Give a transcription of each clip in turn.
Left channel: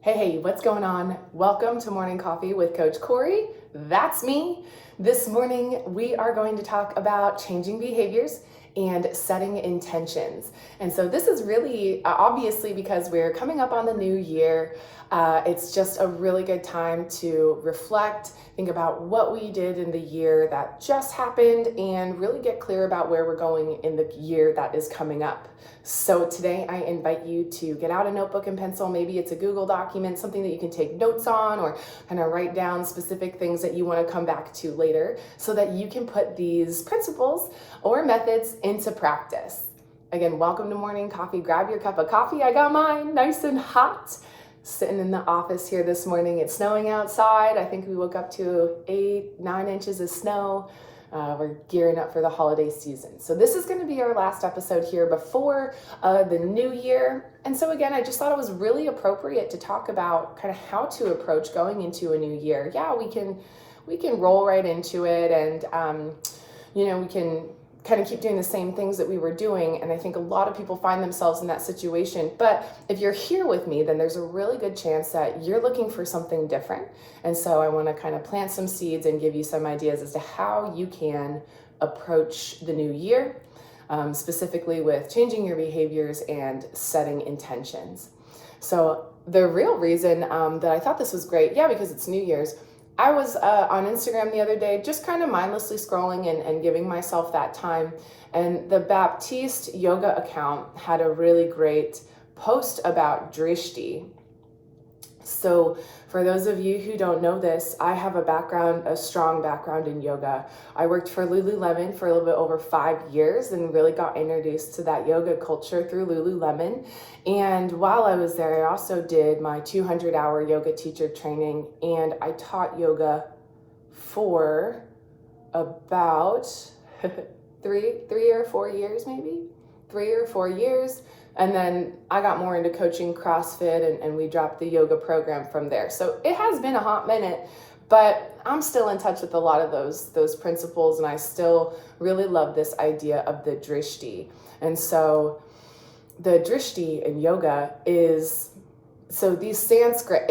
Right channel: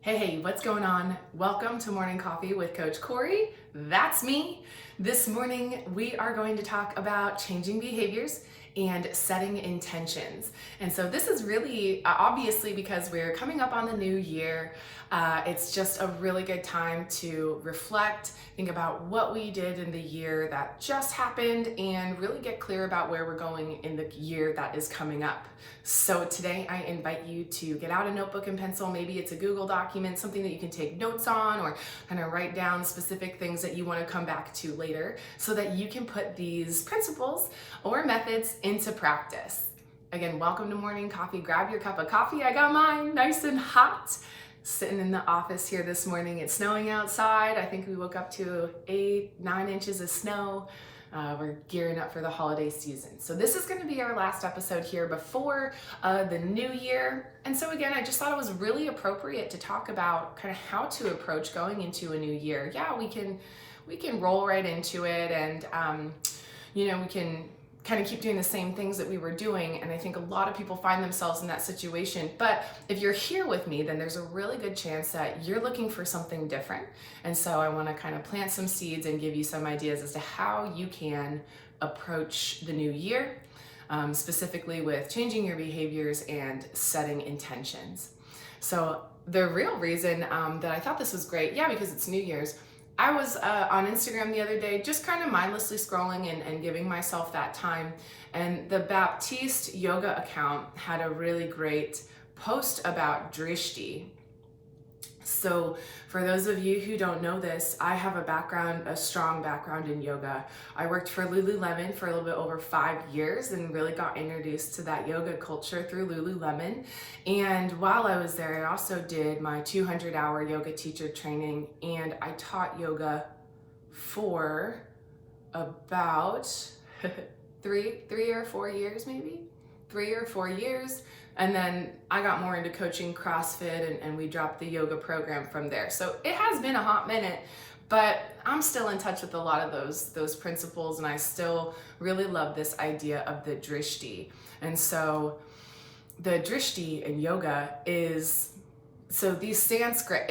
Hey, what's going on? Welcome to Morning Coffee with Coach Courey. That's me. This morning, we are going to talk about changing behaviors and setting intentions. And so this is really obviously because we're coming up on the new year. It's just a really good time to reflect, think about what we did in the year that just happened, and really get clear about where we're going in the year that is coming up. So today I invite you to get out a notebook and pencil. Maybe it's a Google document, something that you can take notes on, or kind of write down specific things that you want to come back to later so that you can put these principles or methods into practice. Again, welcome to Morning Coffee. Grab your cup of coffee. I got mine nice and hot. Sitting in the office here this morning. It's snowing outside. I think we woke up to 8-9 inches of snow. We're gearing up for the holiday season. So this is going to be our last episode here before the new year. And so again, I just thought it was really appropriate to talk about kind of how to approach going into a new year. Yeah, we can roll right into it, and we can kind of keep doing the same things that we were doing. And I think a lot of people find themselves in that situation. But if you're here with me, then there's a really good chance that you're looking for something different. And so I want to kind of plant some seeds and give you some ideas as to how you can approach the new year, specifically with changing your behaviors and setting intentions. So the real reason that I thought this was great, because it's New Year's, I was on Instagram the other day, just kind of mindlessly scrolling and giving myself that time. And the Baptiste yoga account had a really great post about drishti. So for those of you who don't know this, I have a strong background in yoga. I worked for Lululemon for a little bit over 5 years and really got introduced to that yoga culture through Lululemon. And while I was there, I also did my 200-hour yoga teacher training, and I taught yoga for about 3 or 4 years, maybe 3 or 4 years. And then I got more into coaching CrossFit, and we dropped the yoga program from there. So it has been a hot minute, but I'm still in touch with a lot of those principles, and I still really love this idea of the drishti. And so the drishti in yoga is, so these Sanskrit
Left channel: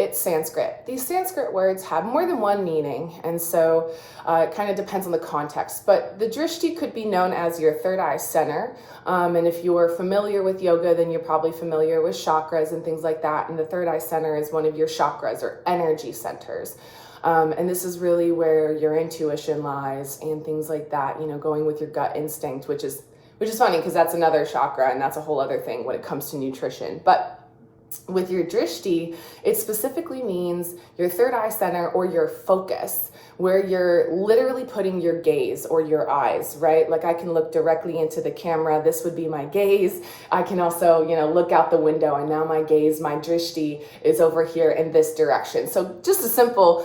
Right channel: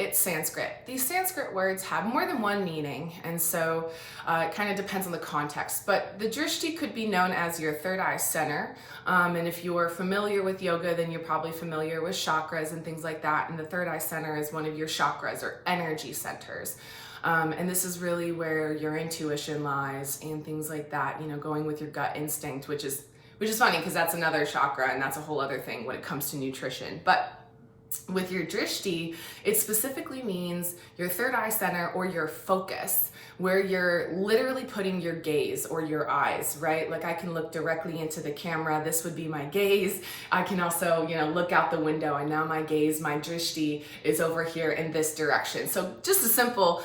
words have more than one meaning, and so it kind of depends on the context. But the drishti could be known as your third eye center, and if you're familiar with yoga, then you're probably familiar with chakras and things like that, and the third eye center is one of your chakras or energy centers. And this is really where your intuition lies and things like that, going with your gut instinct, which is funny because that's another chakra, and that's a whole other thing when it comes to nutrition. But with your drishti, it specifically means your third eye center or your focus, where you're literally putting your gaze or your eyes, right? Like I can look directly into the camera. This would be my gaze. I can also, look out the window, and now my gaze, my drishti is over here in this direction. So just a simple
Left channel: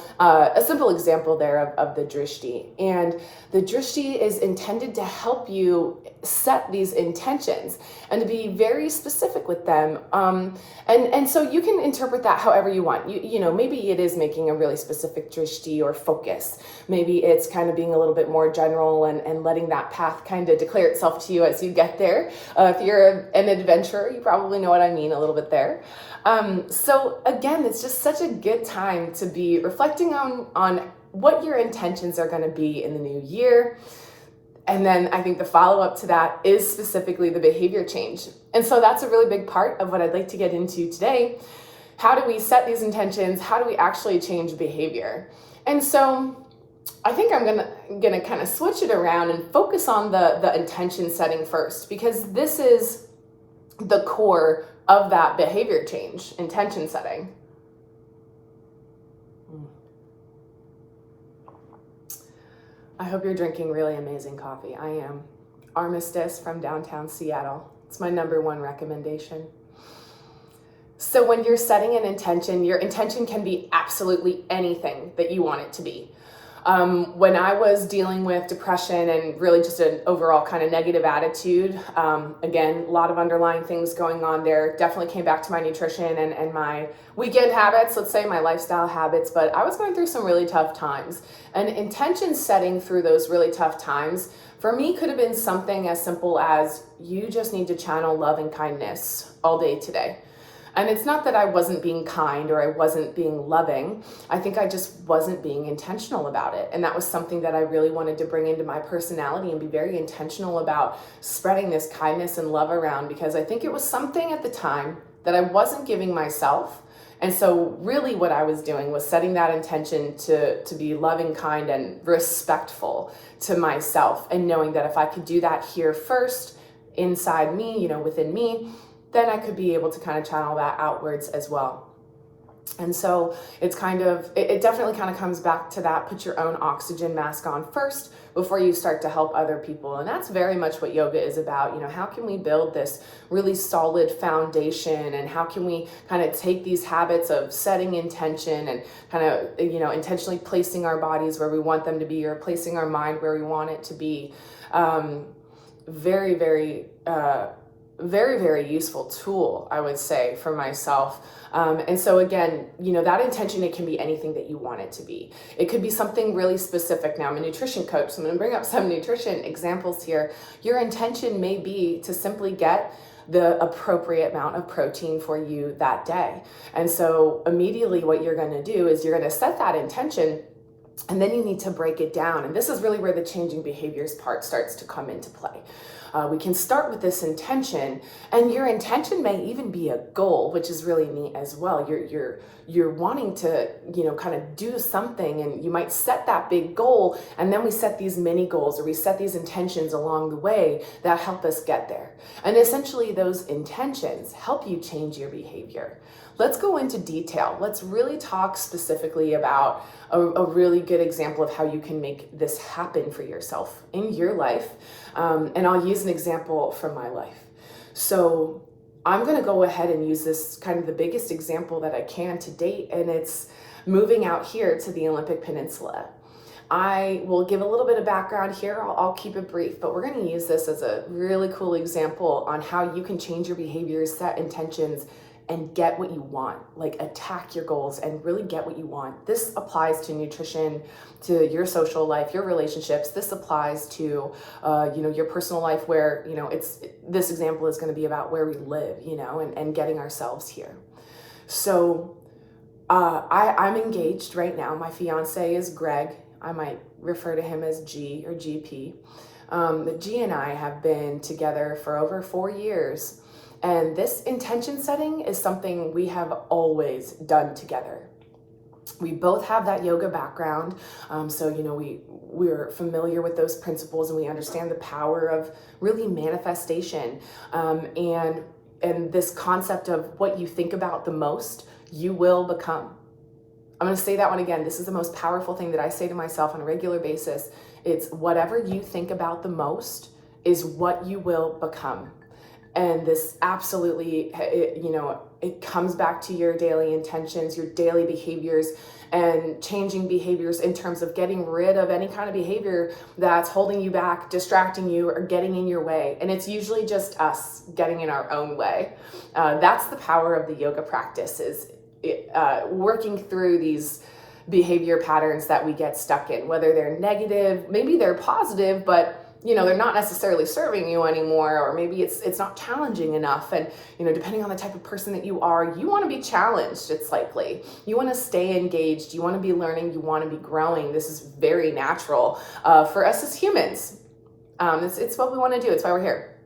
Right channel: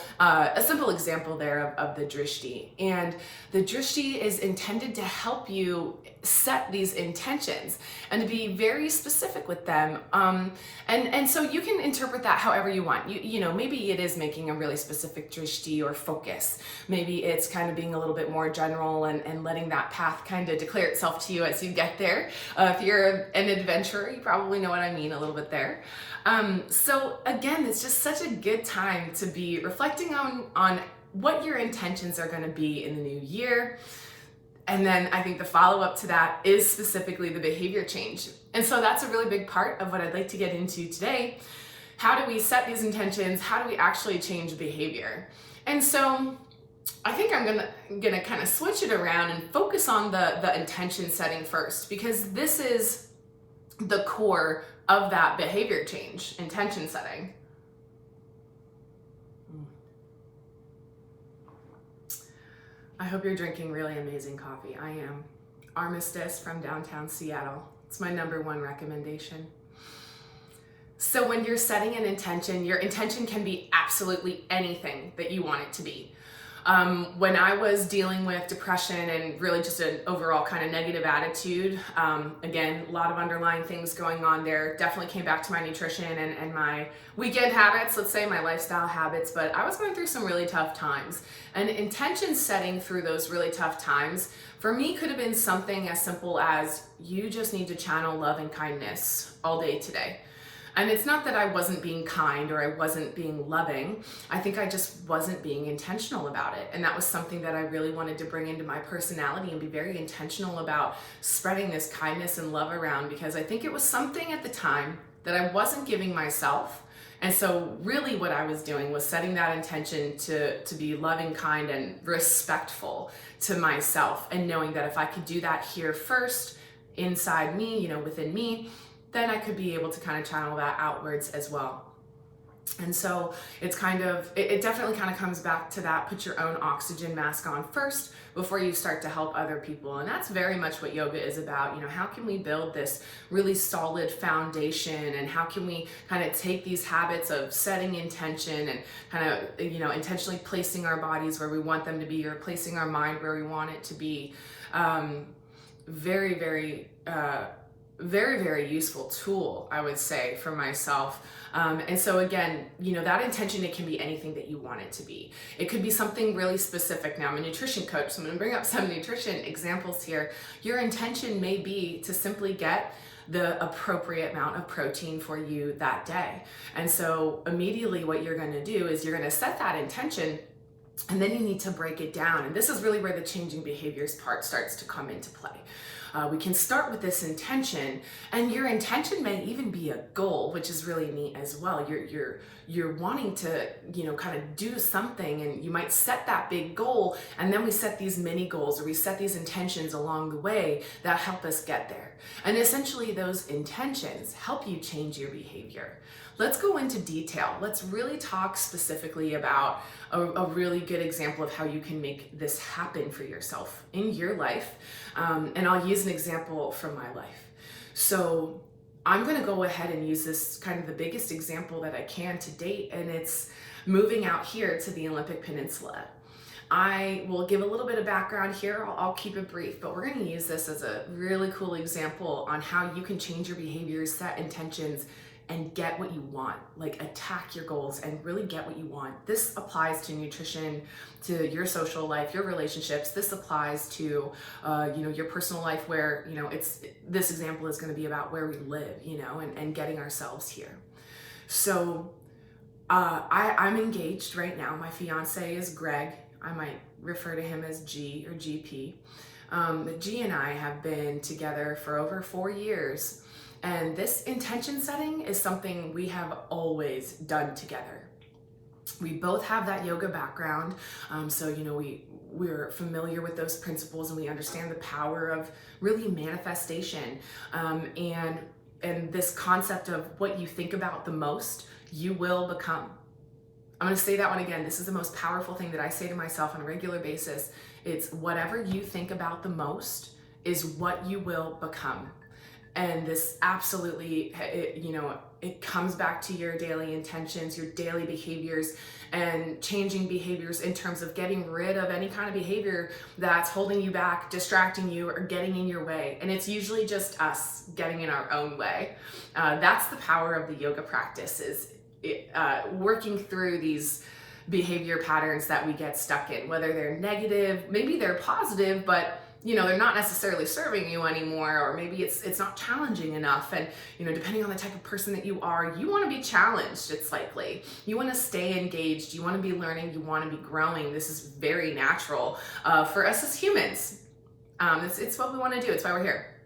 example there of the drishti. And the drishti is intended to help you set these intentions and to be very specific with them. And so you can interpret that however you want. Maybe it is making a really specific drishti or focus. Maybe it's kind of being a little bit more general and letting that path kind of declare itself to you as you get there. If you're an adventurer, you probably know what I mean a little bit there. So again, it's just such a good time to be reflecting on what your intentions are going to be in the new year. And then I think the follow-up to that is specifically the behavior change. And so that's a really big part of what I'd like to get into today. How do we set these intentions? How do we actually change behavior? And so I think I'm gonna kind of switch it around and focus on the intention setting first, because this is the core of that behavior change, intention setting. I hope you're drinking really amazing coffee. I am. Armistice from downtown Seattle. It's my #1 recommendation. So when you're setting an intention, your intention can be absolutely anything that you want it to be. When I was dealing with depression and really just an overall kind of negative attitude, again, a lot of underlying things going on there, definitely came back to my nutrition and my weekend habits, let's say my lifestyle habits, but I was going through some really tough times. And intention setting through those really tough times for me could have been something as simple as you just need to channel love and kindness all day today. And it's not that I wasn't being kind or I wasn't being loving. I think I just wasn't being intentional about it. And that was something that I really wanted to bring into my personality and be very intentional about spreading this kindness and love around, because I think it was something at the time that I wasn't giving myself. And so really what I was doing was setting that intention to be loving, kind, and respectful to myself, and knowing that if I could do that here first, inside me, within me, then I could be able to kind of channel that outwards as well. And so it's it definitely kind of comes back to that, put your own oxygen mask on first before you start to help other people. And that's very much what yoga is about. How can we build this really solid foundation, and how can we kind of take these habits of setting intention and kind of, intentionally placing our bodies where we want them to be, or placing our mind where we want it to be. Very, very, very, very useful tool, I would say, for myself. And so again, that intention, it can be anything that you want it to be. It could be something really specific. Now, I'm a nutrition coach, so I'm going to bring up some nutrition examples here. Your intention may be to simply get the appropriate amount of protein for you that day. And so immediately what you're going to do is you're going to set that intention, and then you need to break it down. And this is really where the changing behaviors part starts to come into play. We can start with this intention, and your intention may even be a goal, which is really neat as well. You're wanting to, kind of do something, and you might set that big goal, and then we set these mini goals, or we set these intentions along the way that help us get there. And essentially those intentions help you change your behavior. Let's go into detail. Let's really talk specifically about a really good example of how you can make this happen for yourself in your life. And I'll use an example from my life. So I'm going to go ahead and use this kind of the biggest example that I can to date, and it's moving out here to the Olympic Peninsula. I will give a little bit of background here. I'll keep it brief, but we're going to use this as a really cool example on how you can change your behaviors, set intentions, and get what you want, like attack your goals and really get what you want. This applies to nutrition, to your social life, your relationships. This applies to, your personal life, where, this example is going to be about where we live, and getting ourselves here. So I'm engaged right now. My fiance is Greg. I might refer to him as G or GP. G and I have been together for over 4 years. And this intention setting is something we have always done together. We both have that yoga background. So, we're familiar with those principles, and we understand the power of really manifestation. And this concept of what you think about the most, you will become. I'm going to say that one again. This is the most powerful thing that I say to myself on a regular basis. It's whatever you think about the most is what you will become. And this absolutely, it comes back to your daily intentions, your daily behaviors, and changing behaviors in terms of getting rid of any kind of behavior that's holding you back, distracting you, or getting in your way. And it's usually just us getting in our own way. That's the power of the yoga practice, is working through these behavior patterns that we get stuck in, whether they're negative, maybe they're positive, but they're not necessarily serving you anymore, or maybe it's not challenging enough. And, depending on the type of person that you are, you want to be challenged, it's likely. You want to stay engaged. You want to be learning. You want to be growing. This is very natural for us as humans. It's what we want to do. It's why we're here.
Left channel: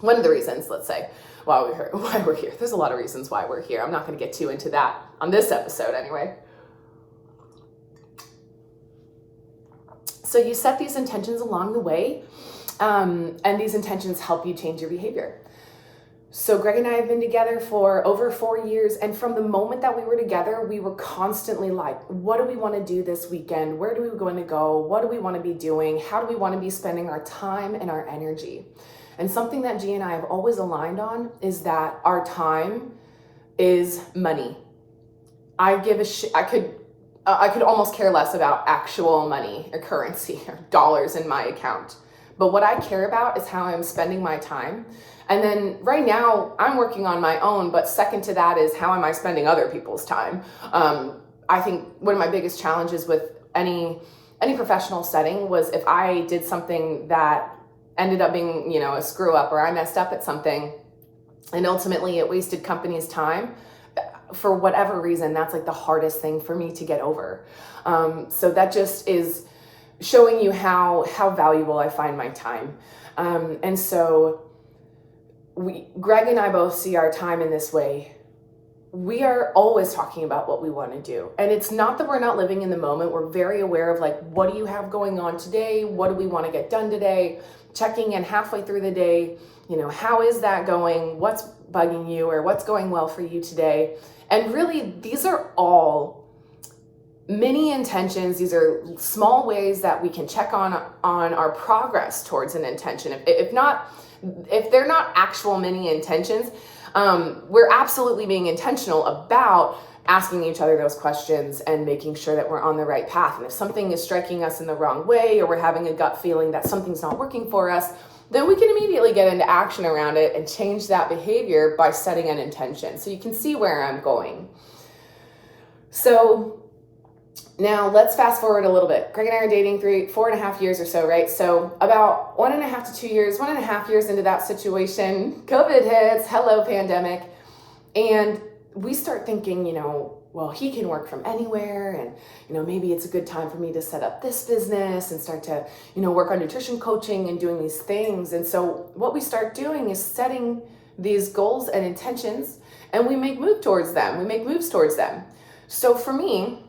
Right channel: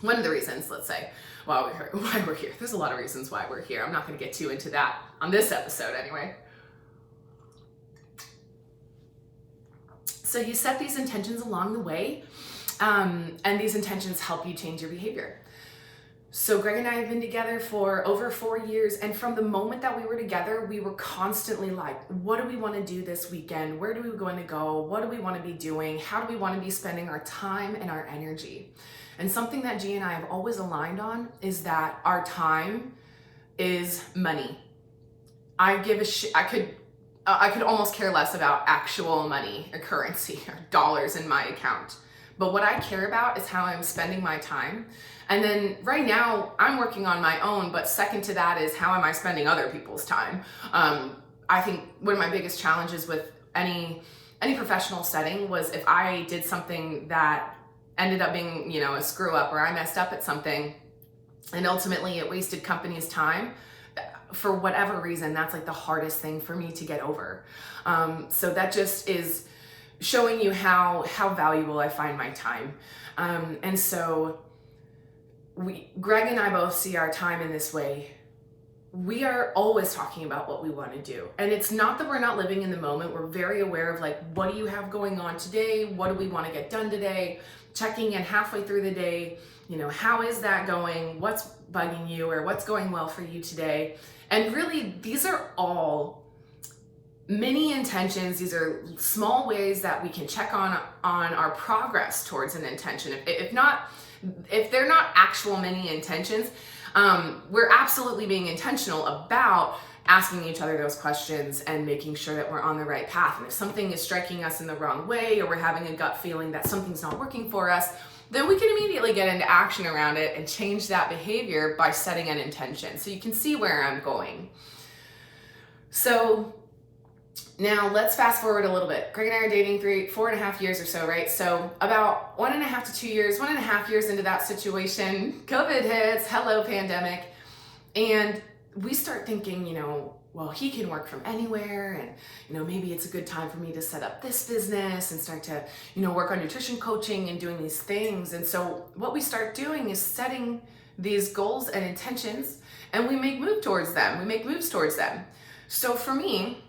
One of the reasons, let's say, why we're here. There's a lot of reasons why we're here. I'm not going to get too into that on this episode anyway. So you set these intentions along the way, and these intentions help you change your behavior. So Greg and I have been together for over 4 years, and from the moment that we were together, we were constantly like, what do we want to do this weekend? Where do we going to go? What do we want to be doing? How do we want to be spending our time and our energy? And something that G and I have always aligned on is that our time is money. I could almost care less about actual money or currency or dollars in my account. But what I care about is how I'm spending my time. And then right now I'm working on my own, but second to that is how am I spending other people's time? I think one of my biggest challenges with any professional setting was if I did something that ended up being, a screw up, or I messed up at something, And ultimately it wasted companies' time. For whatever reason, that's like the hardest thing for me to get over. So that just is showing you how valuable I find my time. And so Greg and I both see our time in this way. We are always talking about what we want to do. And it's not that we're not living in the moment. We're very aware of like, what do you have going on today? What do we want to get done today? Checking in halfway through the day. How is that going? What's bugging you or what's going well for you today? And really, these are all mini intentions. These are small ways that we can check on our progress towards an intention. If they're not actual mini intentions, we're absolutely being intentional about asking each other those questions and making sure that we're on the right path. And if something is striking us in the wrong way, or we're having a gut feeling that something's not working for us, then we can immediately get into action around it and change that behavior by setting an intention. So you can see where I'm going. So now let's fast forward a little bit. Greg and I are dating 4.5 years or so, right? So about 1.5 to 2 years, 1.5 years into that situation, COVID hits, hello pandemic. And we start thinking, well, he can work from anywhere, and maybe it's a good time for me to set up this business and start to work on nutrition coaching and doing these things. And so what we start doing is setting these goals and intentions, and we make moves towards them. So for me,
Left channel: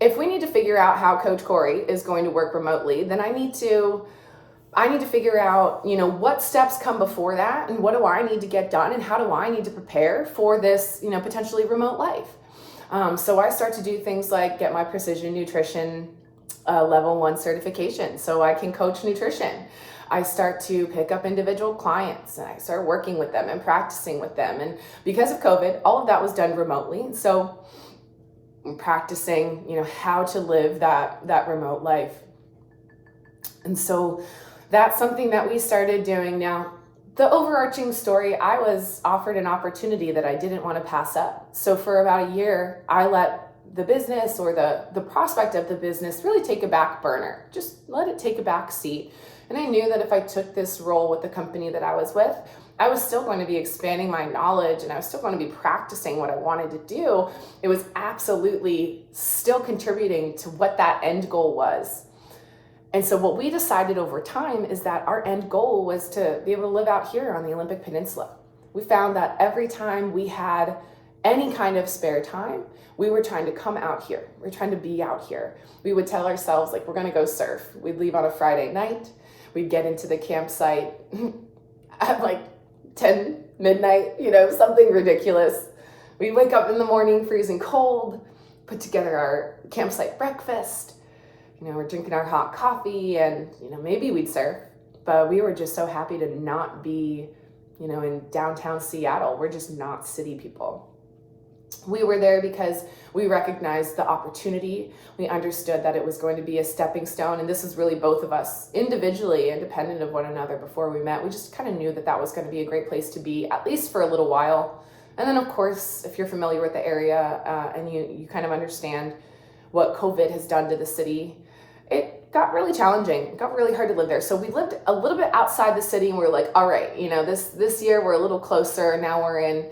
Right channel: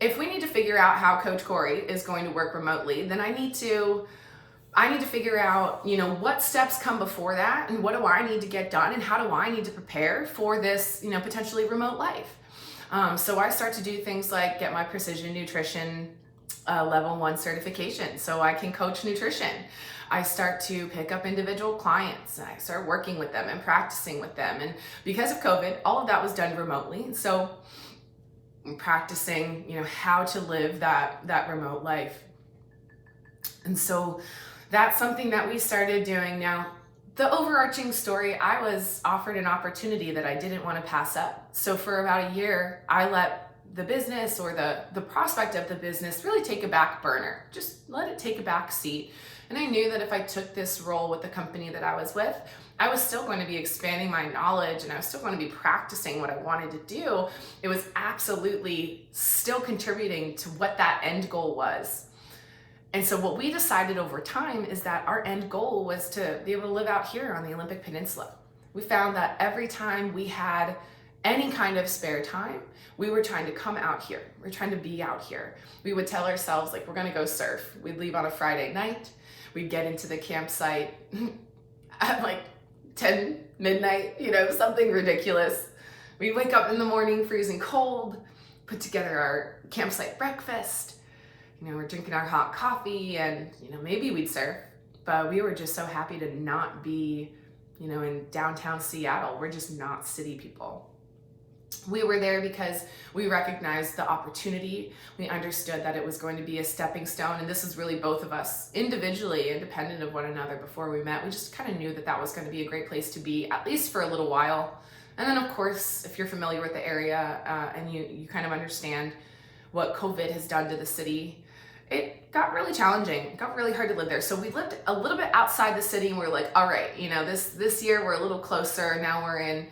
if we need to figure out how Coach Courey is going to work remotely, then I need to figure out, what steps come before that, and what do I need to get done, and how do I need to prepare for this, potentially remote life. So I start to do things like get my precision nutrition level 1 certification so I can coach nutrition. I start to pick up individual clients, and I start working with them and practicing with them. And because of COVID, all of that was done remotely. So I'm practicing, how to live that remote life. And so that's something that we started doing. Now, the overarching story, I was offered an opportunity that I didn't want to pass up. So for about a year, I let the business or the prospect of the business really take a back burner. Just let it take a back seat. And I knew that if I took this role with the company that I was with, I was still going to be expanding my knowledge, and I was still going to be practicing what I wanted to do. It was absolutely still contributing to what that end goal was. And so what we decided over time is that our end goal was to be able to live out here on the Olympic Peninsula. We found that every time we had any kind of spare time, we were trying to come out here. We're trying to be out here. We would tell ourselves, like, we're going to go surf. We'd leave on a Friday night. We'd get into the campsite at like 10 midnight, something ridiculous. We'd wake up in the morning freezing cold, put together our campsite breakfast. We're drinking our hot coffee, and, maybe we'd surf, but we were just so happy to not be, in downtown Seattle. We're just not city people. We were there because we recognized the opportunity. We understood that it was going to be a stepping stone, and this is really both of us individually, independent of one another before we met. We just kind of knew that was going to be a great place to be, at least for a little while. And then, of course, if you're familiar with the area and you kind of understand what COVID has done to the city, it got really challenging. It got really hard to live there. So we lived a little bit outside the city, and we were like, all right, this year we're a little closer. Now we're in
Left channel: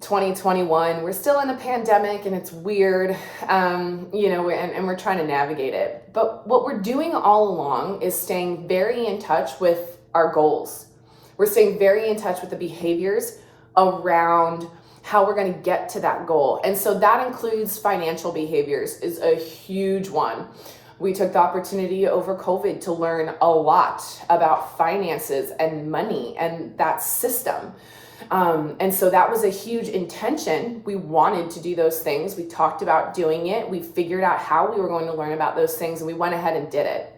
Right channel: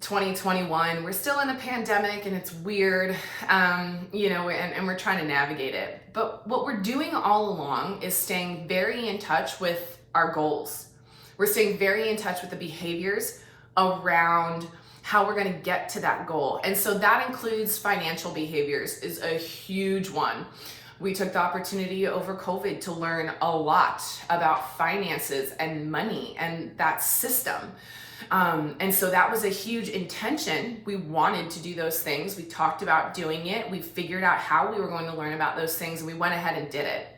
2021. We're still in a pandemic, and it's weird, and we're trying to navigate it. But what we're doing all along is staying very in touch with our goals. We're staying very in touch with the behaviors around how we're going to get to that goal. And so that includes financial behaviors is a huge one. We took the opportunity over COVID to learn a lot about finances and money and that system. And so that was a huge intention. We wanted to do those things. We talked about doing it. We figured out how we were going to learn about those things, and we went ahead and did it.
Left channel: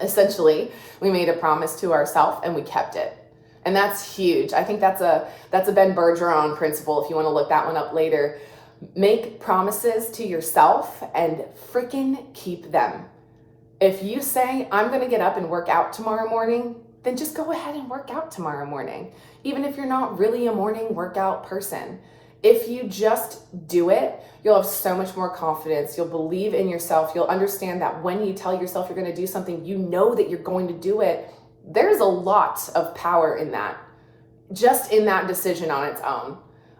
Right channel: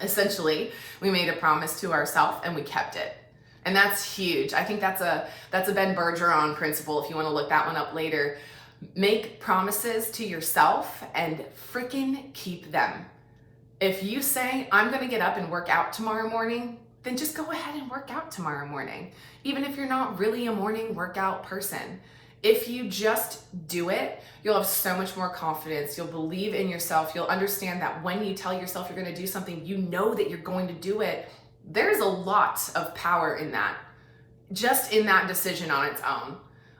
Essentially, we made a promise to ourselves and we kept it. And that's huge. I think that's a Ben Bergeron principle, if you want to look that one up later. Make promises to yourself and freaking keep them. If you say, I'm going to get up and work out tomorrow morning, then just go ahead and work out tomorrow morning. Even if you're not really a morning workout person. If you just do it, you'll have so much more confidence. You'll believe in yourself. You'll understand that when you tell yourself you're going to do something, you know that you're going to do it. There's a lot of power in that. just in that decision on its own,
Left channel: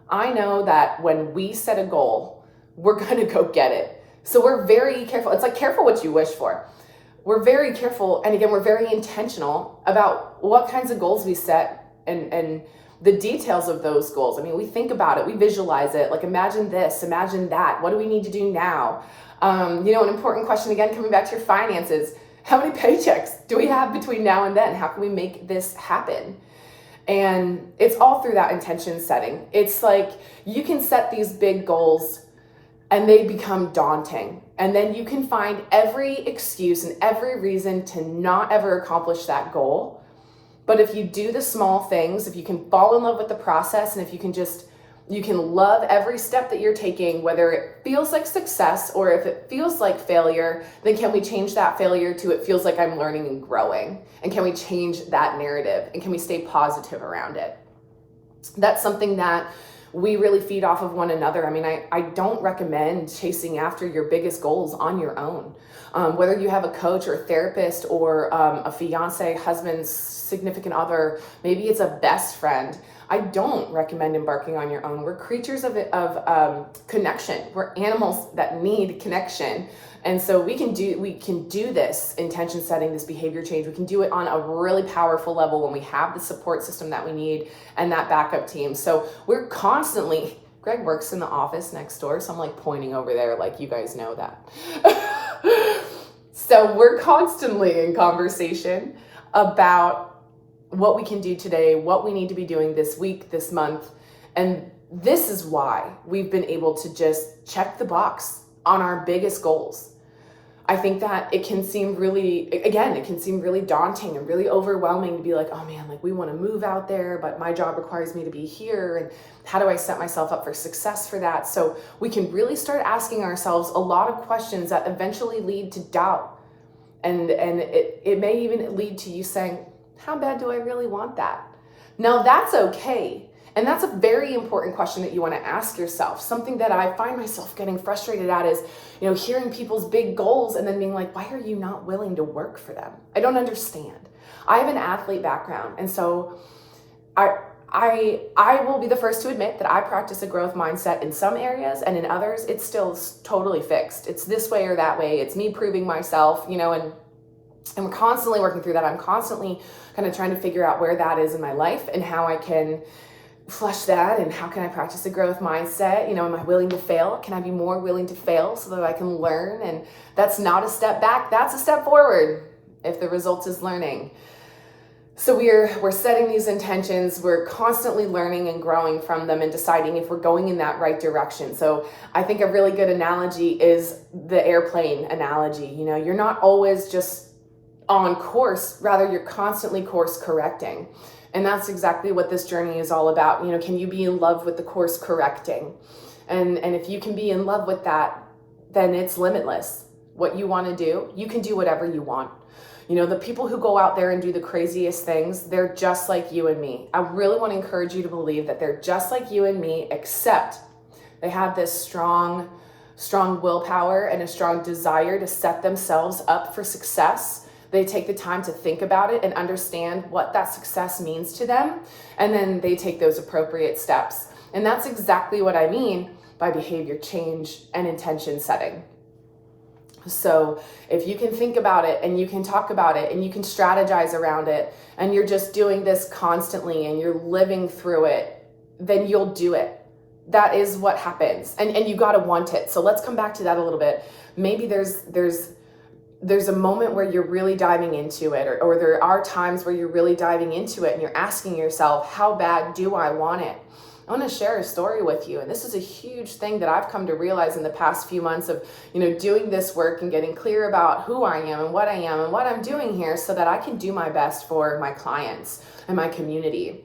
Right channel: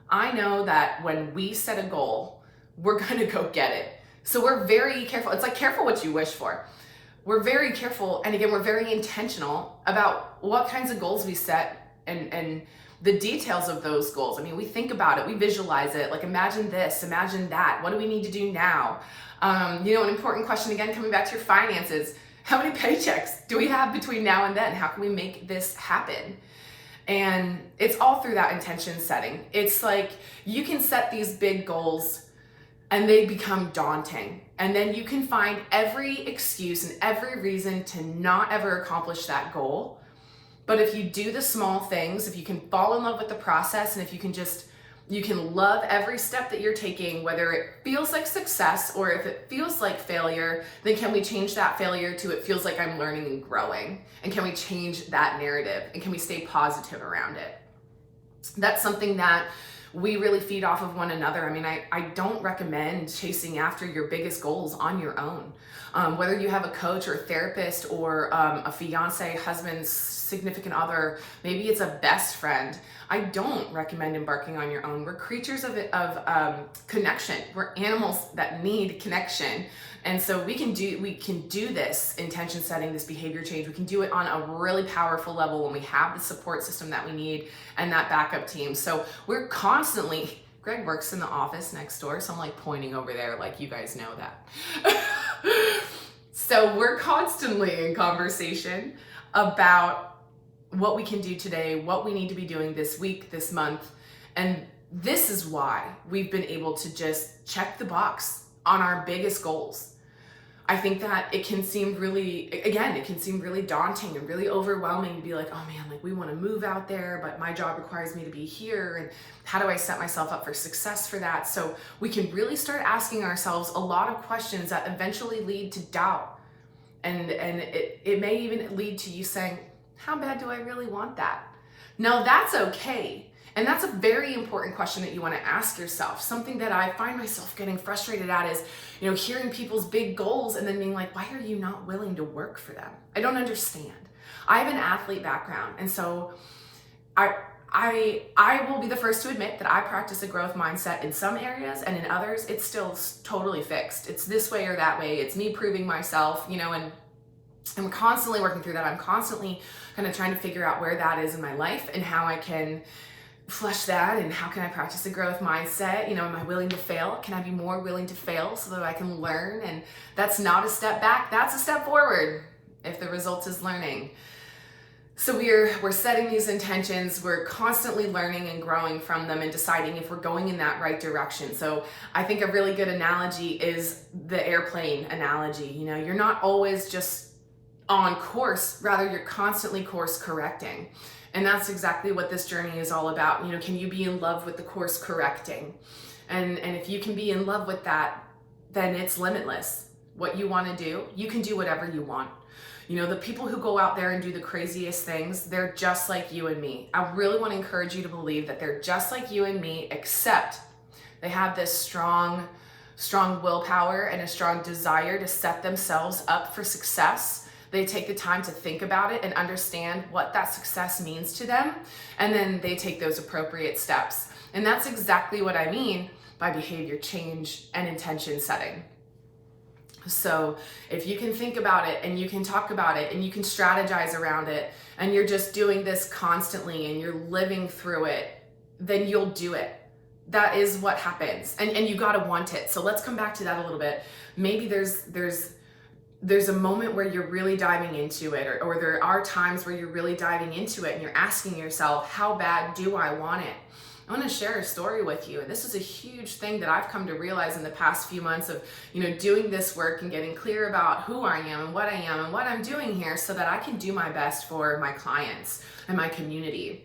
I know that when we set a goal, we're going to go get it. So we're very careful. It's like careful what you wish for. We're very careful. And again, we're very intentional about what kinds of goals we set and the details of those goals. I mean, we think about it, we visualize it, like imagine this, imagine that. What do we need to do now? An important question, again, coming back to your finances, how many paychecks do we have between now and then? How can we make this happen? And it's all through that intention setting. It's like you can set these big goals and they become daunting. And then you can find every excuse and every reason to not ever accomplish that goal. But if you do the small things, if you can fall in love with the process, and if you can love every step that you're taking, whether it feels like success or if it feels like failure, then can we change that failure to it feels like I'm learning and growing? And can we change that narrative? And can we stay positive around it? That's something that we really feed off of one another. I mean, I don't recommend chasing after your biggest goals on your own. Whether you have a coach or a therapist or a fiance, husband, significant other, maybe it's a best friend, I don't recommend embarking on your own. We're creatures of connection. We're animals that need connection. And so we can do this intention setting, this behavior change. We can do it on a really powerful level when we have the support system that we need and that backup team. So we're constantly, Greg works in the office next door, so I'm like pointing over there like you guys know that. So we're constantly in conversation about what we can do today, what we need to be doing this week, this month. And this is why we've been able to just check the box on our biggest goals. I think that it can seem really daunting and really overwhelming to be like, oh man, like we want to move out there, but my job requires me to be here. And how do I set myself up for success for that? So we can really start asking ourselves a lot of questions that eventually lead to doubt. And it may even lead to you saying, how bad do I really want that? Now that's okay. And that's a very important question that you want to ask yourself. Something that I find myself getting frustrated at is, hearing people's big goals and then being like, why are you not willing to work for them? I don't understand. I have an athlete background. And so I will be the first to admit that I practice a growth mindset in some areas, and in others, it's still totally fixed. It's this way or that way. It's me proving myself, and we're constantly working through that. I'm constantly kind of trying to figure out where that is in my life and how I can flush that, and how can I practice a growth mindset? Am I willing to fail? Can I be more willing to fail so that I can learn? And that's not a step back, that's a step forward if the result is learning. So we're setting these intentions, we're constantly learning and growing from them and deciding if we're going in that right direction. So I think a really good analogy is the airplane analogy. You're not always just on course, rather you're constantly course correcting. And that's exactly what this journey is all about. Can you be in love with the course correcting? And if you can be in love with that, then it's limitless. What you want to do, you can do whatever you want. The people who go out there and do the craziest things, they're just like you and me. I really want to encourage you to believe that they're just like you and me, except they have this strong willpower and a strong desire to set themselves up for success. They take the time to think about it and understand what that success means to them. And then they take those appropriate steps. And that's exactly what I mean by behavior change and intention setting. So if you can think about it and you can talk about it and you can strategize around it and you're just doing this constantly and you're living through it, then you'll do it. That is what happens. And you gotta want it. So let's come back to that a little bit. Maybe there's a moment where you're really diving into it, or there are times where you're really diving into it and you're asking yourself, how bad do I want it? I want to share a story with you. And this is a huge thing that I've come to realize in the past few months of, doing this work and getting clear about who I am and what I am and what I'm doing here so that I can do my best for my clients and my community.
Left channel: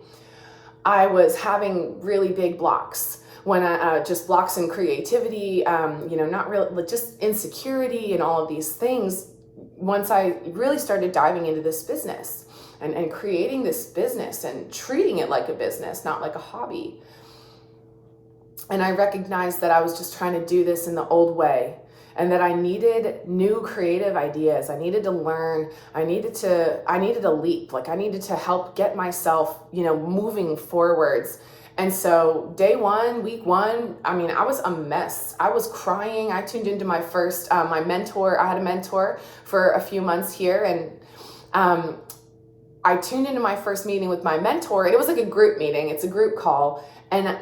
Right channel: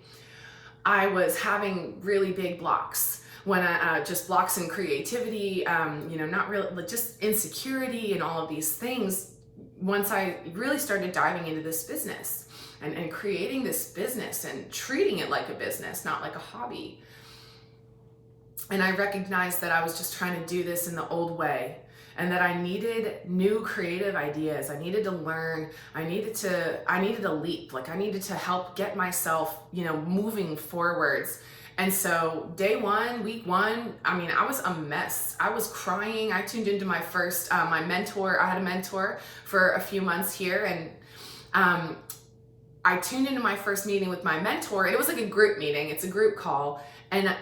I was having really big blocks when just blocks in creativity, not really, just insecurity and all of these things. Once I really started diving into this business and creating this business and treating it like a business, not like a hobby. And I recognized that I was just trying to do this in the old way. and that I needed new creative ideas. I needed to learn. I needed to leap. Like I needed to help get myself, moving forwards. And so day one, week one, I was a mess. I was crying. I tuned into my first, my mentor. I had a mentor for a few months here, and I tuned into my first meeting with my mentor, and it was like a group meeting. It's a group call. And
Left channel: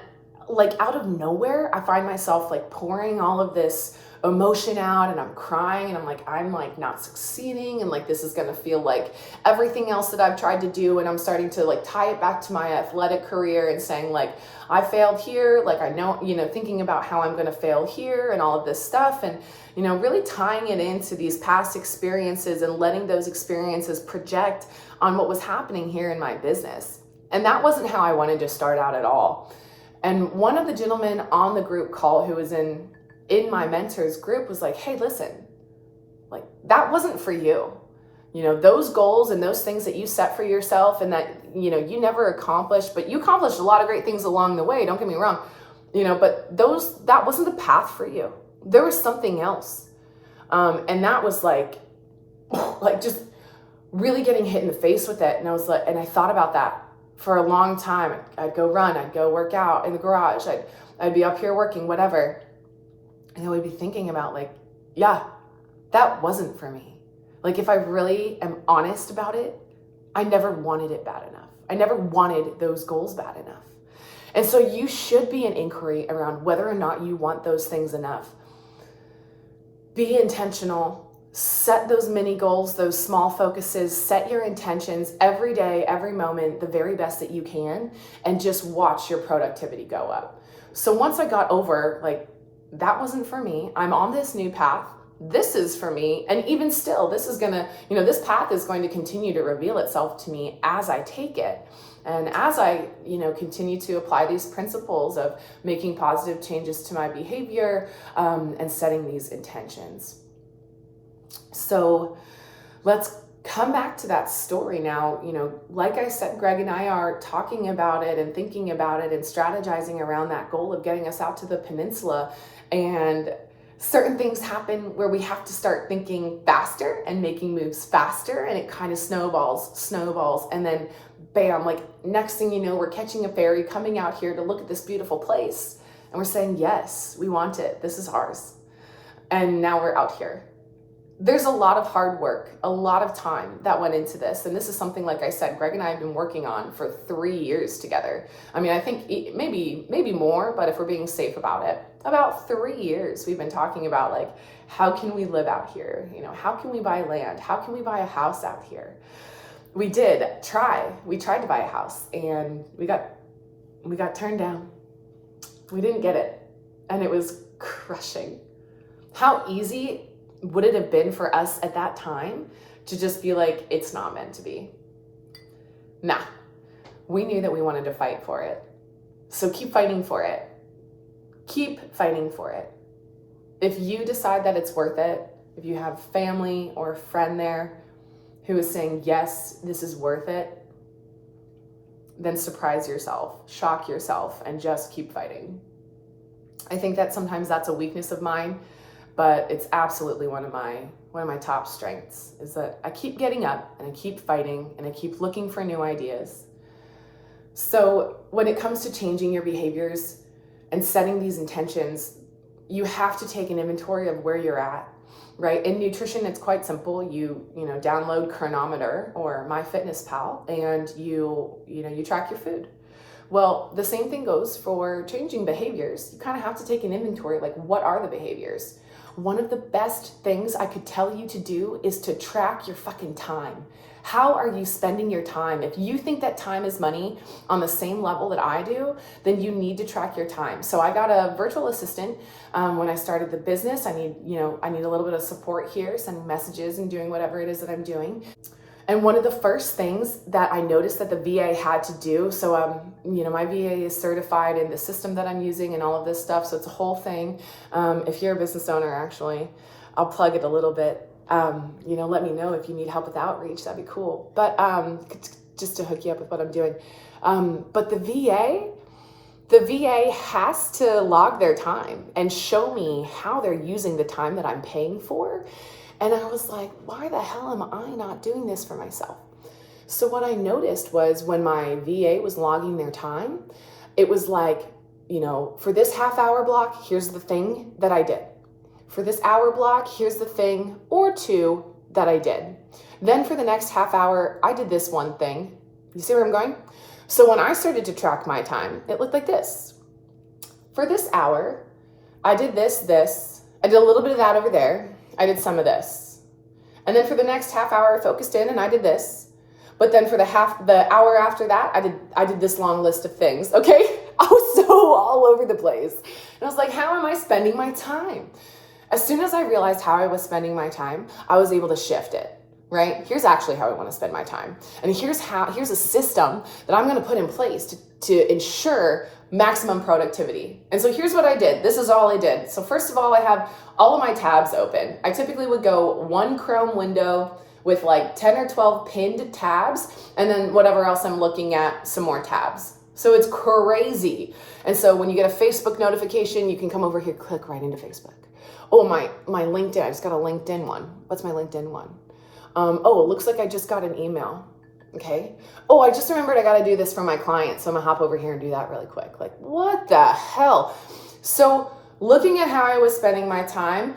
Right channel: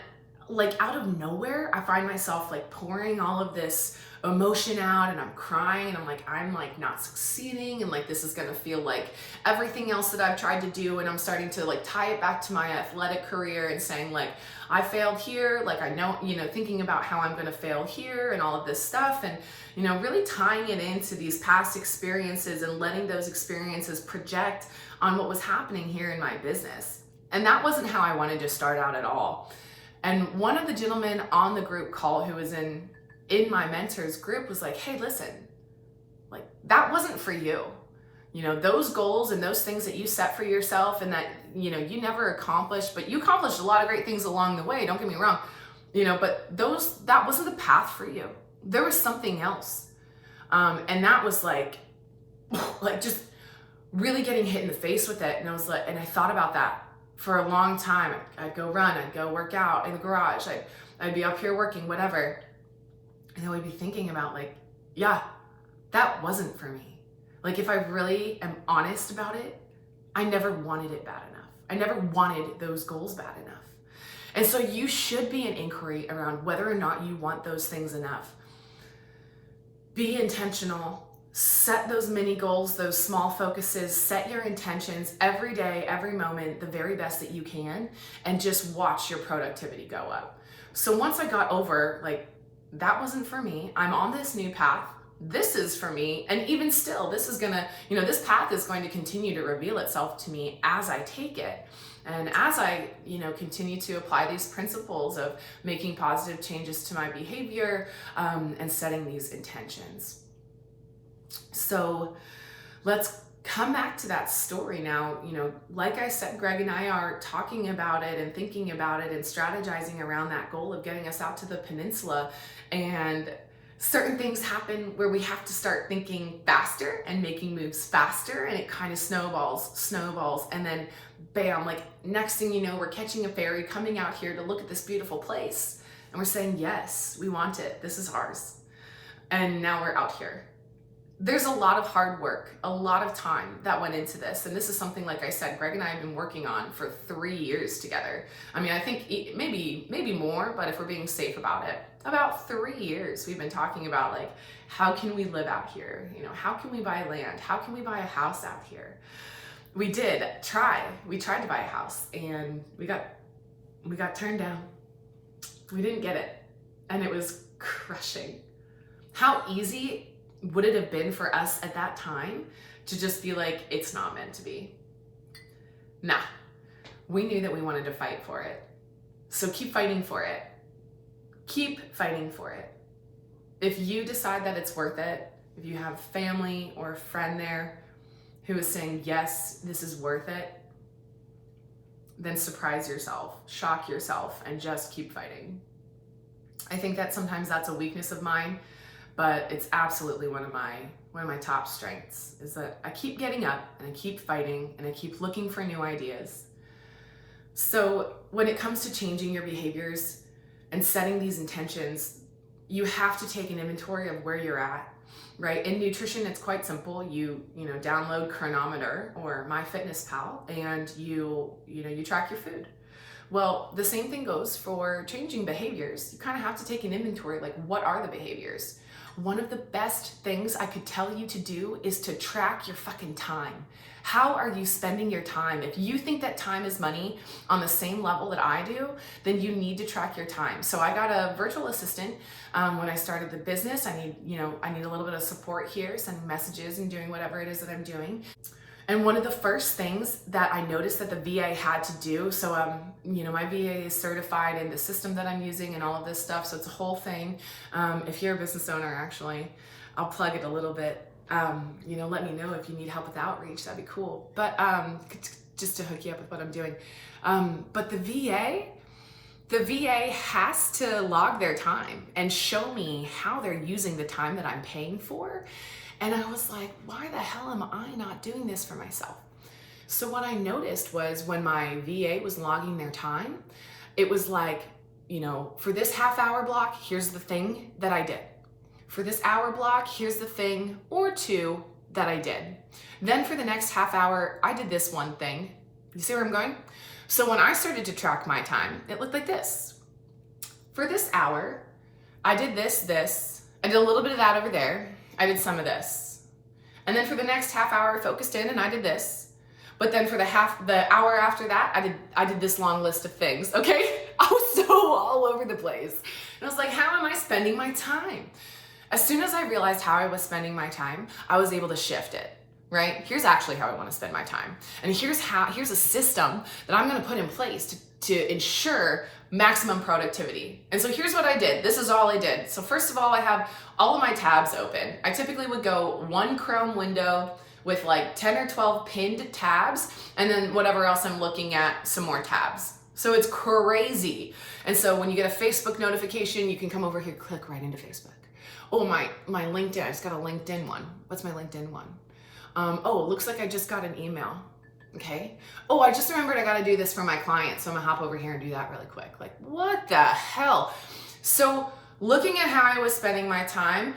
like out of nowhere, I find myself like pouring all of this emotion out, and I'm crying, and I'm like not succeeding, and like this is gonna feel like everything else that I've tried to do, and I'm starting to like tie it back to my athletic career and saying like I failed here, like I know, thinking about how I'm gonna fail here and all of this stuff, and really tying it into these past experiences and letting those experiences project on what was happening here in my business. And that wasn't how I wanted to start out at all. And one of the gentlemen on the group call who was in my mentor's group was like, hey, listen, like that wasn't for you. Those goals and those things that you set for yourself and that, you never accomplished, but you accomplished a lot of great things along the way. Don't get me wrong, but that wasn't the path for you. There was something else. And that was like just really getting hit in the face with it. And I was like, and I thought about that for a long time. I'd go run, I'd go work out in the garage. I'd be up here working, whatever. And I would be thinking about like, yeah, that wasn't for me. Like if I really am honest about it, I never wanted it bad enough. I never wanted those goals bad enough. And so you should be an inquiry around whether or not you want those things enough. Be intentional. Set those mini goals, those small focuses, set your intentions every day, every moment, the very best that you can, and just watch your productivity go up. So once I got over, like, that wasn't for me, I'm on this new path, this is for me, and even still, this is gonna, this path is going to continue to reveal itself to me as I take it. And as I, continue to apply these principles of making positive changes to my behavior and setting these intentions. So let's come back to that story now. Like I said, Greg and I are talking about it and thinking about it and strategizing around that goal of getting us out to the peninsula. And certain things happen where we have to start thinking faster and making moves faster, and it kind of snowballs. And then bam, like next thing you know, we're catching a ferry coming out here to look at this beautiful place. And we're saying, yes, we want it. This is ours. And now we're out here. There's a lot of hard work, a lot of time that went into this. And this is something, like I said, Greg and I have been working on for 3 years together. I think maybe more, but if we're being safe about it, about 3 years we've been talking about like, how can we live out here? How can we buy land? How can we buy a house out here? We tried to buy a house, and we got turned down. We didn't get it. And it was crushing. How easy would it have been for us at that time to just be like, it's not meant to be? Nah, we knew that we wanted to fight for it. So keep fighting for it. Keep fighting for it. If you decide that it's worth it, if you have family or a friend there who is saying, yes, this is worth it, then surprise yourself, shock yourself, and just keep fighting. I think that sometimes that's a weakness of mine, but it's absolutely one of my top strengths, is that I keep getting up and I keep fighting and I keep looking for new ideas. So when it comes to changing your behaviors and setting these intentions, you have to take an inventory of where you're at, right? In nutrition, it's quite simple. You download Chronometer or MyFitnessPal, and you track your food. Well, the same thing goes for changing behaviors. You kind of have to take an inventory, like, what are the behaviors? One of the best things I could tell you to do is to track your fucking time. How are you spending your time? If you think that time is money on the same level that I do, then you need to track your time. So I got a virtual assistant when I started the business. I need a little bit of support here, sending messages and doing whatever it is that I'm doing. And one of the first things that I noticed that the VA had to do, so my VA is certified in the system that I'm using and all of this stuff, so it's a whole thing. If you're a business owner, actually, I'll plug it a little bit. Let me know if you need help with outreach, that'd be cool. But just to hook you up with what I'm doing. But the VA, The VA has to log their time and show me how they're using the time that I'm paying for. And I was like, why the hell am I not doing this for myself? So what I noticed was when my VA was logging their time, it was like, for this half-hour block, here's the thing that I did. For this hour block, here's the thing or two that I did. Then for the next half hour, I did this one thing. You see where I'm going? So when I started to track my time, it looked like this. For this hour, I did this. I did a little bit of that over there. I did some of this. And then for the next half hour, I focused in and I did this. But then for the hour after that, I did this long list of things, okay? I was so all over the place. And I was like, how am I spending my time? As soon as I realized how I was spending my time, I was able to shift it. Right? Here's actually how I want to spend my time. And here's a system that I'm going to put in place to ensure maximum productivity. And so here's what I did. This is all I did. So first of all, I have all of my tabs open. I typically would go one Chrome window with like 10 or 12 pinned tabs, and then whatever else I'm looking at, some more tabs. So it's crazy. And so when you get a Facebook notification, you can come over here, click right into Facebook. Oh, my LinkedIn, I just got a LinkedIn one. What's my LinkedIn one? Oh, it looks like I just got an email. Okay. Oh, I just remembered I got to do this for my client. So I'm gonna hop over here and do that really quick. Like, what the hell? So looking at how I was spending my time,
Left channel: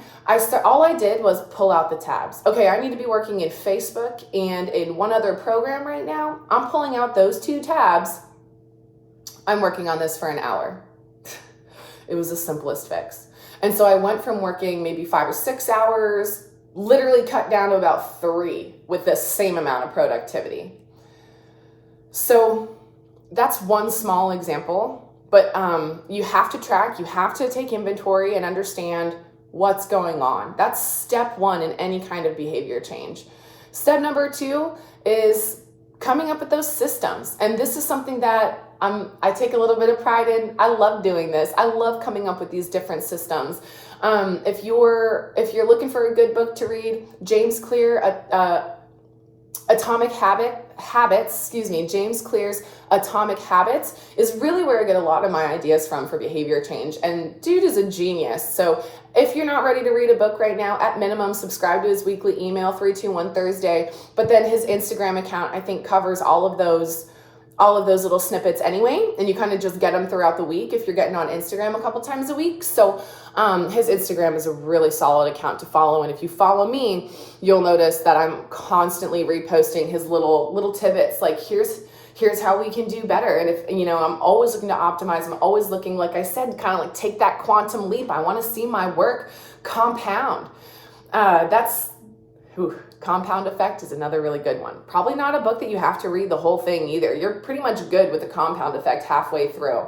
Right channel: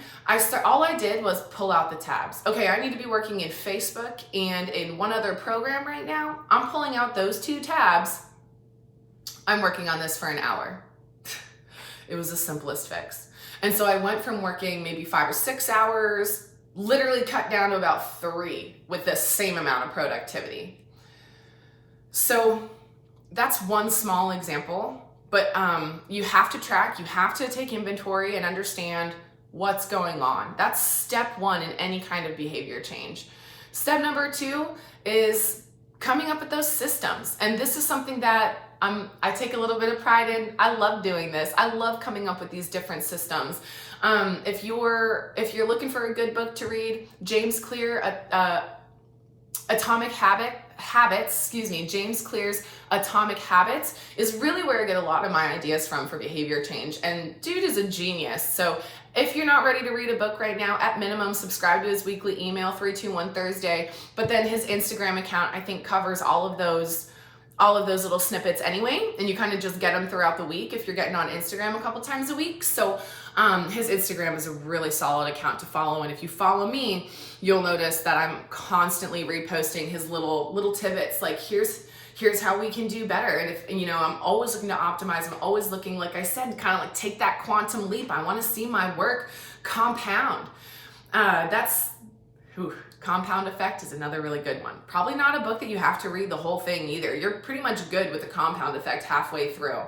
all I did was pull out the tabs. Okay, I need to be working in Facebook and in one other program right now. I'm pulling out those two tabs. I'm working on this for an hour. It was the simplest fix. And so I went from working maybe 5 or 6 hours, literally cut down to about 3 with the same amount of productivity. So that's one small example, but you have to track, you have to take inventory and understand what's going on. That's step 1 in any kind of behavior change. Step number 2 is coming up with those systems. And this is something that I take a little bit of pride in. I love doing this. I love coming up with these different systems. If you're looking for a good book to read, James Clear's Atomic Habits is really where I get a lot of my ideas from for behavior change. And dude is a genius. So if you're not ready to read a book right now, at minimum, subscribe to his weekly email, 321 Thursday. But then his Instagram account, I think, covers all of those little snippets anyway, and you kind of just get them throughout the week if you're getting on Instagram a couple times a week. So his Instagram is a really solid account to follow, and if you follow me, you'll notice that I'm constantly reposting his little tidbits, like here's how we can do better. And if I'm always looking to optimize, I'm always looking, like I said, kind of like take that quantum leap. I want to see my work compound. Compound Effect is another really good one. Probably not a book that you have to read the whole thing either. You're pretty much good with the Compound Effect halfway through.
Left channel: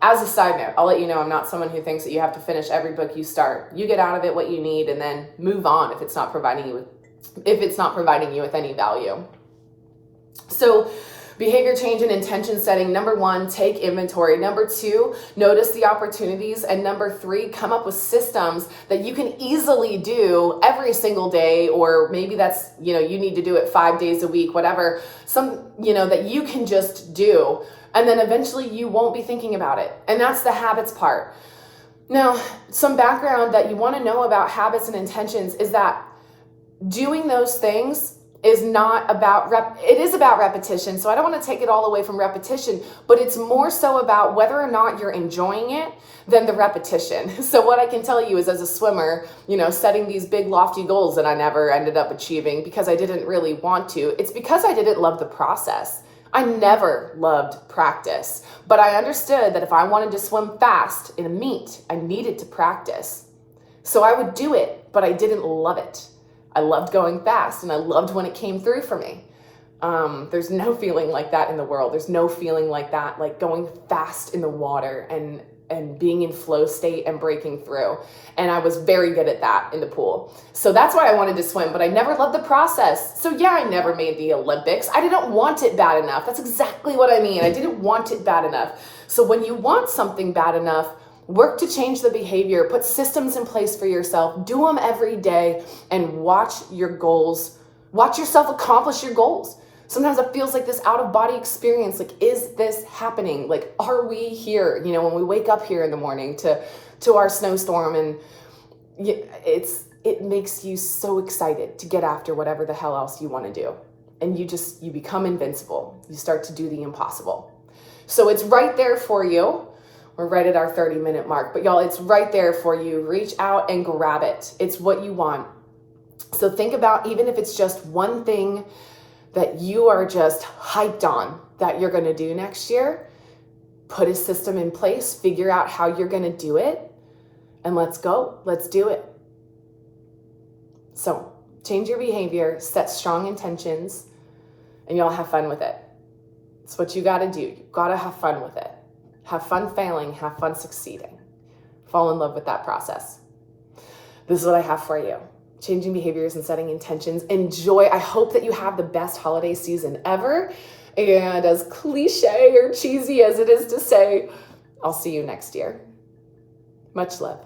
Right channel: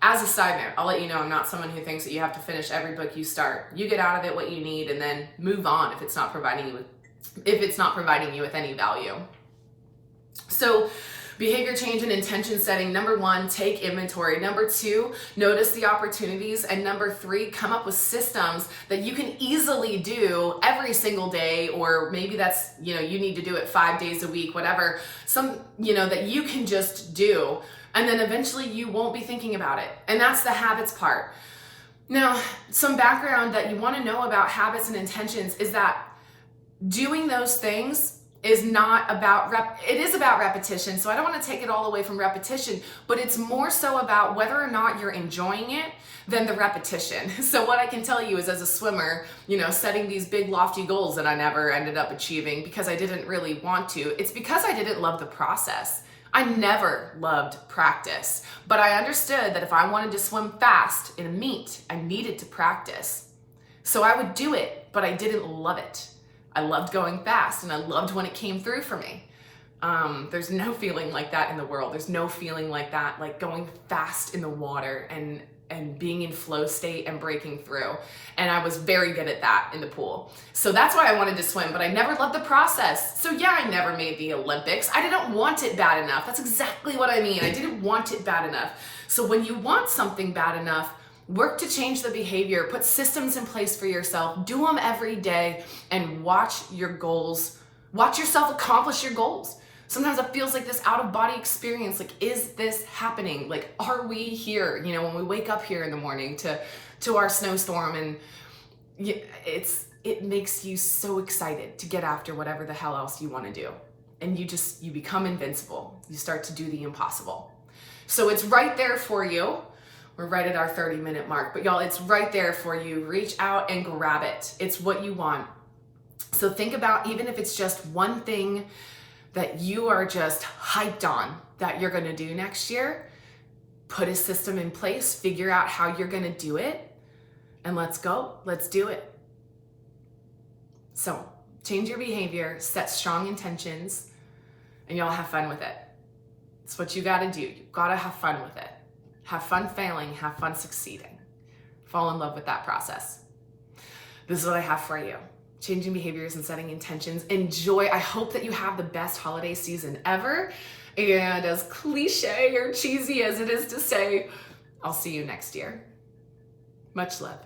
As a side note, I'll let you know I'm not someone who thinks that you have to finish every book you start. You get out of it what you need and then move on if it's not providing you with any value. So behavior change and intention setting. Number 1, take inventory. Number 2, notice the opportunities. And number 3, come up with systems that you can easily do every single day, or maybe that's, you need to do it 5 days a week, whatever, that you can just do. And then eventually you won't be thinking about it. And that's the habits part. Now, some background that you want to know about habits and intentions is that doing those things is not about it is about repetition. So I don't want to take it all away from repetition, but it's more so about whether or not you're enjoying it than the repetition. So what I can tell you is, as a swimmer, setting these big lofty goals that I never ended up achieving because I didn't really want to, it's because I didn't love the process. I never loved practice, but I understood that if I wanted to swim fast in a meet, I needed to practice. So I would do it, but I didn't love it. I loved going fast and I loved when it came through for me. There's no feeling like that in the world. There's no feeling like that, like going fast in the water and being in flow state and breaking through. And I was very good at that in the pool. So that's why I wanted to swim, but I never loved the process. So yeah, I never made the Olympics. I didn't want it bad enough. That's exactly what I mean. I didn't want it bad enough. So when you want something bad enough, work to change the behavior, put systems in place for yourself, do them every day, and watch yourself accomplish your goals. Sometimes it feels like this out of body experience. Like, is this happening? Like, are we here? You know, when we wake up here in the morning to our snowstorm, and it makes you so excited to get after whatever the hell else you want to do. And you become invincible. You start to do the impossible. So it's right there for you. We're right at our 30-minute mark, but y'all, it's right there for you. Reach out and grab it. It's what you want. So think about, even if it's just one thing that you are just hyped on that you're going to do next year, put a system in place, figure out how you're going to do it, and let's go. Let's do it. So change your behavior, set strong intentions, and y'all have fun with it. It's what you got to do. You got to have fun with it. Have fun failing, have fun succeeding. Fall in love with that process. This is what I have for you. Changing behaviors and setting intentions. Enjoy. I hope that you have the best holiday season ever. And as cliche or cheesy as it is to say, I'll see you next year. Much love.